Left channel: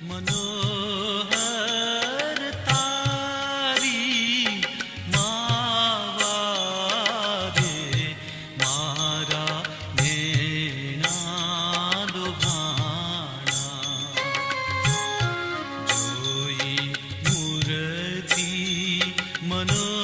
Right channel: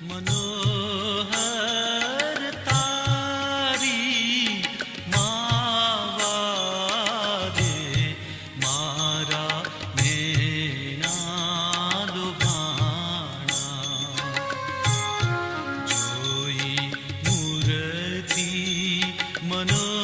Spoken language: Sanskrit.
तारी मारा नेना दुभाणा जो मुरती मनो